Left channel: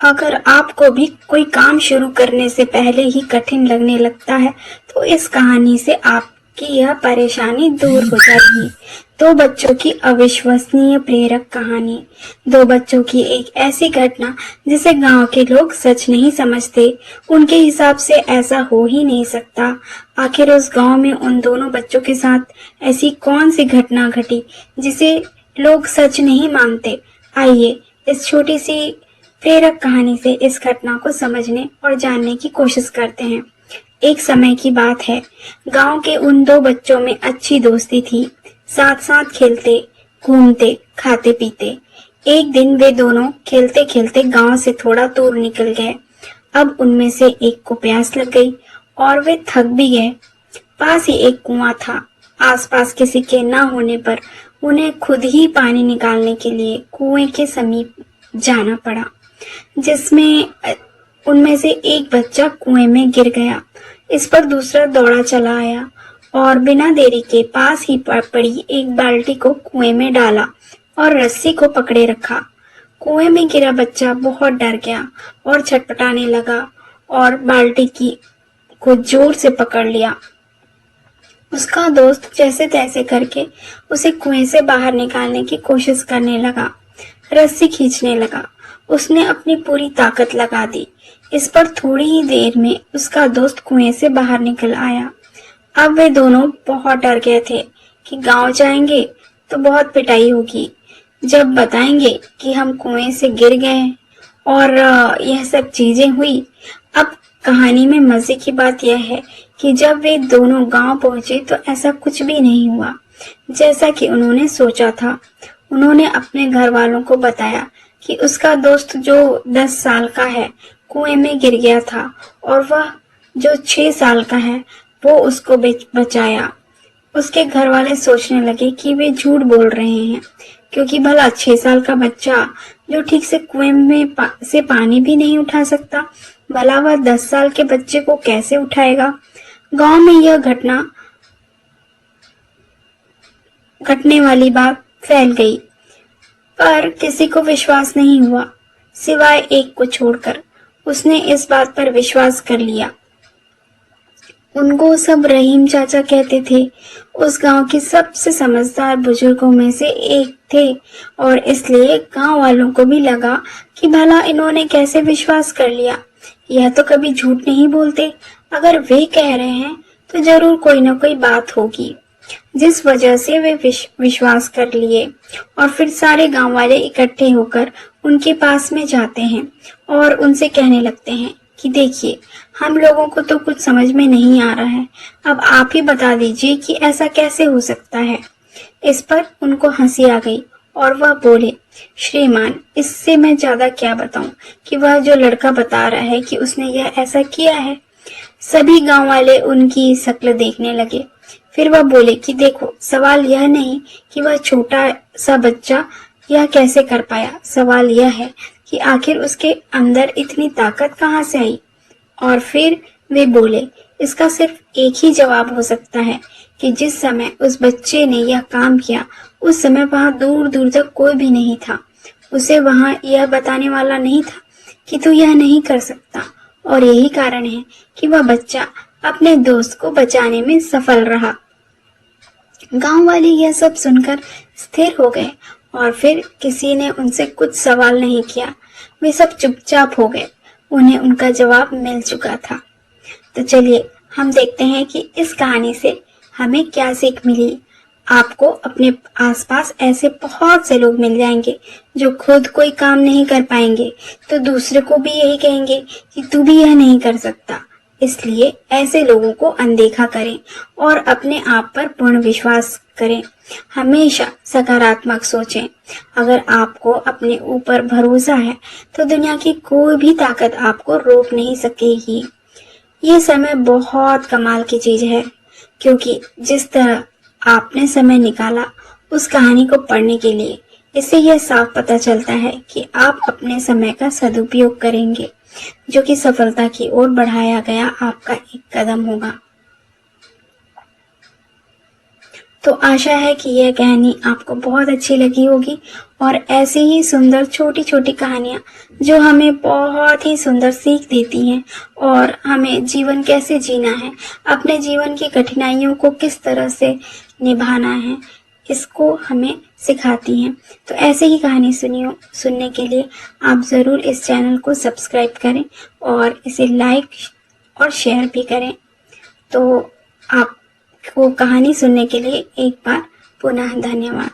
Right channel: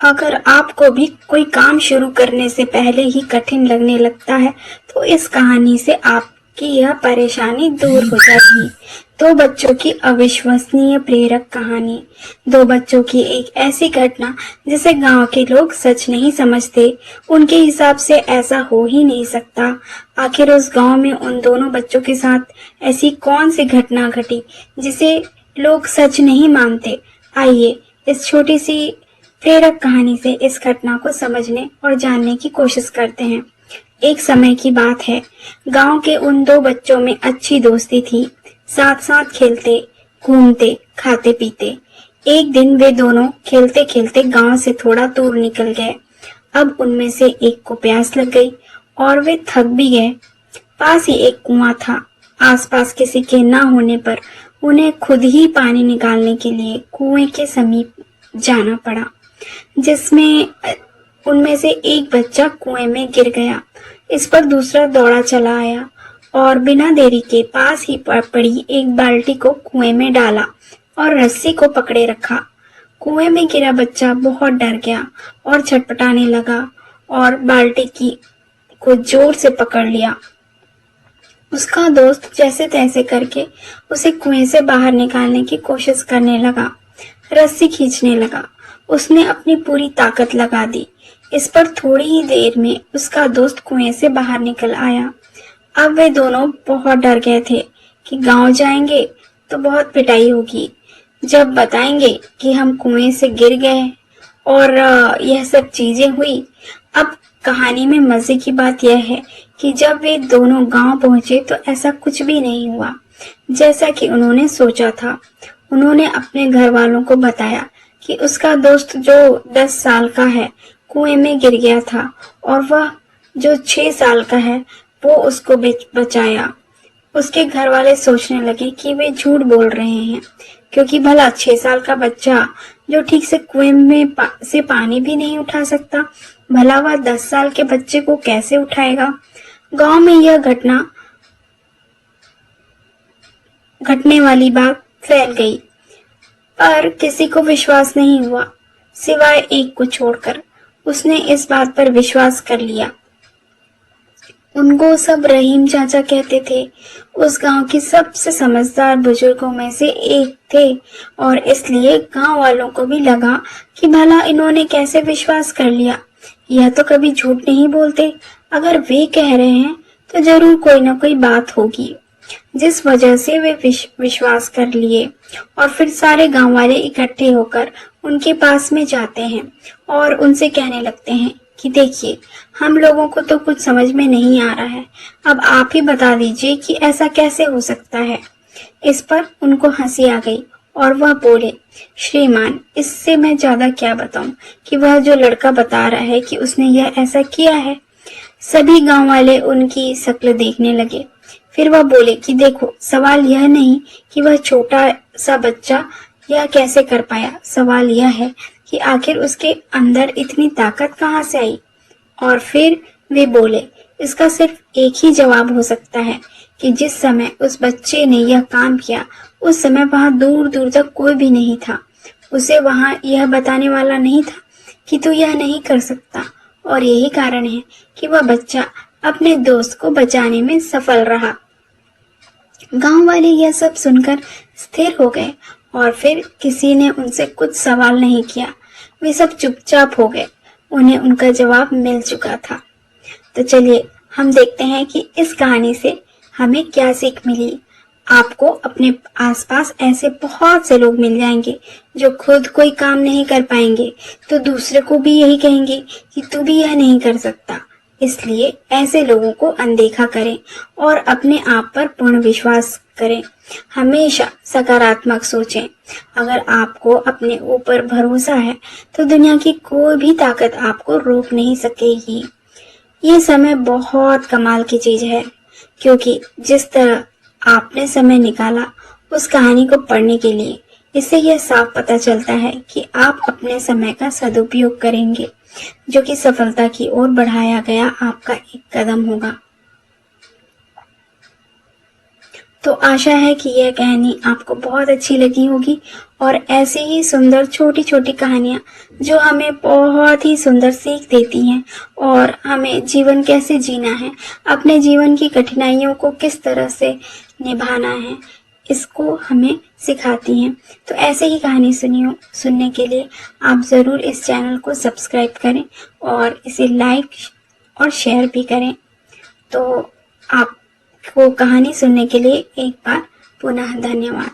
अगर आपको भी कोई काम शुरू करने से पहले ही कठिन लगने लगता है, तो इस कहानी से आपकी यह परेशानी दूर हो जाएगी। दो बच्चों की अविश्वसनीय प्रेरक कहानी। दो बच्चों की एक ऐसी घटना जिसे गांव के लोग सच नहीं समझते। उनके हिसाब से ऐसा हो ही नहीं सकता। आखिर उस गांव में उन दोनों बच्चों के साथ ऐसी कौन सी घटना घटी जिसे लोग सच नहीं मानते। आइए इस छोटी सी प्रेरक कहानी से इस घटना को समझने और जानने की कोशिश करते हैं। एक समय की बात है। गांव के उन दो बच्चों में अच्छी दोस्ती थी। साथ साथ खेलते, घूमते, खाते पीते। एक दिन वे दोनों खेलते खेलते गांव से थोड़ा दूर निकल गए। अब उनमें से एक को प्यास लग गई और वे थक भी गए। पास ही एक कुआं था। आसपास किसी के न होने पर उन्हें खुद ही पानी निकालने के लिए कुएं के समीप जाना पड़ा, जिसमें उनमें से एक बच्चा कुएं में गिर गया। इस पर दूसरा दौड़ा चला आया और बिना देरी के पास ही पड़ी एक बाल्टी को कुएं में डाला और रस्सी को पकड़े रखा। कुएं में गिरा बच्चा बहुत डर गया और छटपटाने लगा और बाल्टी की को जोर से पकड़ लिया। उसका दोस्त जैसे तैसे करके उसे कुएं से बाहर निकालने की कोशिश करने लगा, रस्सी खींचने लगा। उसने अपनी पूरी ताकत लगा दी। इस पर थोड़ी ही देर में उसका दोस्त कुएं से बाहर निकल आया। अब वे दोनों बहुत डर गए थे कि गांव जाएंगे तो बहुत पिटाई होगी जब बताएंगे कि हम कुएं से गिर गए और यह सब चीजें हुई। अब कहानी में मजे की बात यह है कि जब वे दोनों गांव पहुंचे तो ऐसा कुछ भी नहीं हुआ जैसा कि उन्होंने सोचा था। उन्होंने अपने घर वालों को बताया कि उसका दोस्त जो 10 साल का है कुएं में गिर गया था और वह जो 6 साल का है वो उसको बचाया। उसके घर वाले सोचने लगे कि वे झूठ बोल रहे हैं, क्योंकि भला 6 साल का बच्चा जो ठीक से कुएं में से पानी भी नहीं उठा सकता, भला वह 10 साल के बच्चे को कैसे उठाएगा। गांव में यह घटने वाली बात फैल गई, पर किसी को विश्वास नहीं हुआ सिवाय एक को छोड़कर। उसने इस बात पर विश्वास कर लिया। उनको सब रहीम चाचा कहते थे। उस गांव के सबसे समझदार बुजुर्गों में से एक थे और इसलिए गांव वालों को भी लगा कि भला इन्होंने कैसे विश्वास कर लिया। यह तो कभी झूठ नहीं बोलते। अगर वे कह रहे हैं तो जरूर कोई न कोई बात होगी, जिस वजह से वे विश्वास कर लिए। और फिर सारे गांव वाले इकट्ठे होकर उनके पास में जाते हैं और उनसे कहने लगते हैं कि देखिए, हम लोगों को तो कुछ समझ में नहीं आ रहा है। अब आप ही बता दीजिए कि ऐसा कैसे हो सकता है। इस पर उनको हंसी आ गई और वह बोले, श्रीमान, इससे मैं ज्यादा क्या बताऊं कि वह जो लड़का बता रहा है कि उसने यह ऐसा किया है। सभी गांव वाले उनकी शक्ल देखने लगे। फिर वह बोले कि देखो, सवाल यह नहीं कि वह छोटा सा बच्चा यह कैसे कर पाया। सवाल यह है कि आखिर उसके अंदर इतनी ताकत कहाँ से आई। और फिर वे बोले, इसका सिर्फ एक ही जवाब हो सकता है कि जिस समय उस बच्चे ने यह काम किया उस समय वहां दूर दूर तक कोई भी नहीं था। उसे वहां यह बताने वाला नहीं था कि तू यह नहीं कर सकता, और यही कारण है कि वह बच्चा अपने दोस्त को बचाने में सफल रहा। गांव वाले यह सब सुनकर स्थिर हो गए और फिर किसी ने उनसे कुछ सवाल नहीं किया। वे सब चुपचाप हो गए। उन्हें उनका जवाब मिल चुका था। तो चलिए हम देखते हैं कि इस कहानी से हमें क्या सीख मिली। आपको अपने आसपास ऐसे बहुत से लोग मिल जाएंगे जो खुद कोई काम नहीं कर पाएंगे तो दूसरे को भी यही कहेंगे कि तू भी यह नहीं कर सकता। इसलिए ऐसे लोगों को अनदेखा करें और अपने आप पर पूर्ण विश्वास करें। हमेशा सकारात्मक सोचें। अगर आपको अपने ऊपर भरोसा है तो दुनिया की कोई भी ताकत आपको रोक नहीं सकेगी। ये समय बहुत कमाल की चीज है, क्योंकि जिस तरह आपने समय निकाला उस कहानी को पढ़ने के लिए, इससे यह साफ पता चलता है कि आप अपने समय का सदुपयोग करेंगे, जो कि सफलता की ओर बढ़ाया गया आपका एक कदम होगा। तो आशा है कि यह कहानी आपको बहुत अच्छी लगी होगी और ऐसी ही सुंदर छोटी छोटी कहानियाँ जो हमें बहुत ही सुंदर सीख देती हैं और हमें जीवन कैसे जीना है, अपने जीवन की कठिनाइयों को किस तरह से निभाना है, इसको हमें सिखाती हैं। तो ऐसे ही कहानी सुनने के लिए आप ज़रूर इस चैनल को सब्सक्राइब करें और इसे लाइक और शेयर भी करें। तो आपको कहानी सुनने के लिए एक बार पुनः धन्यवाद।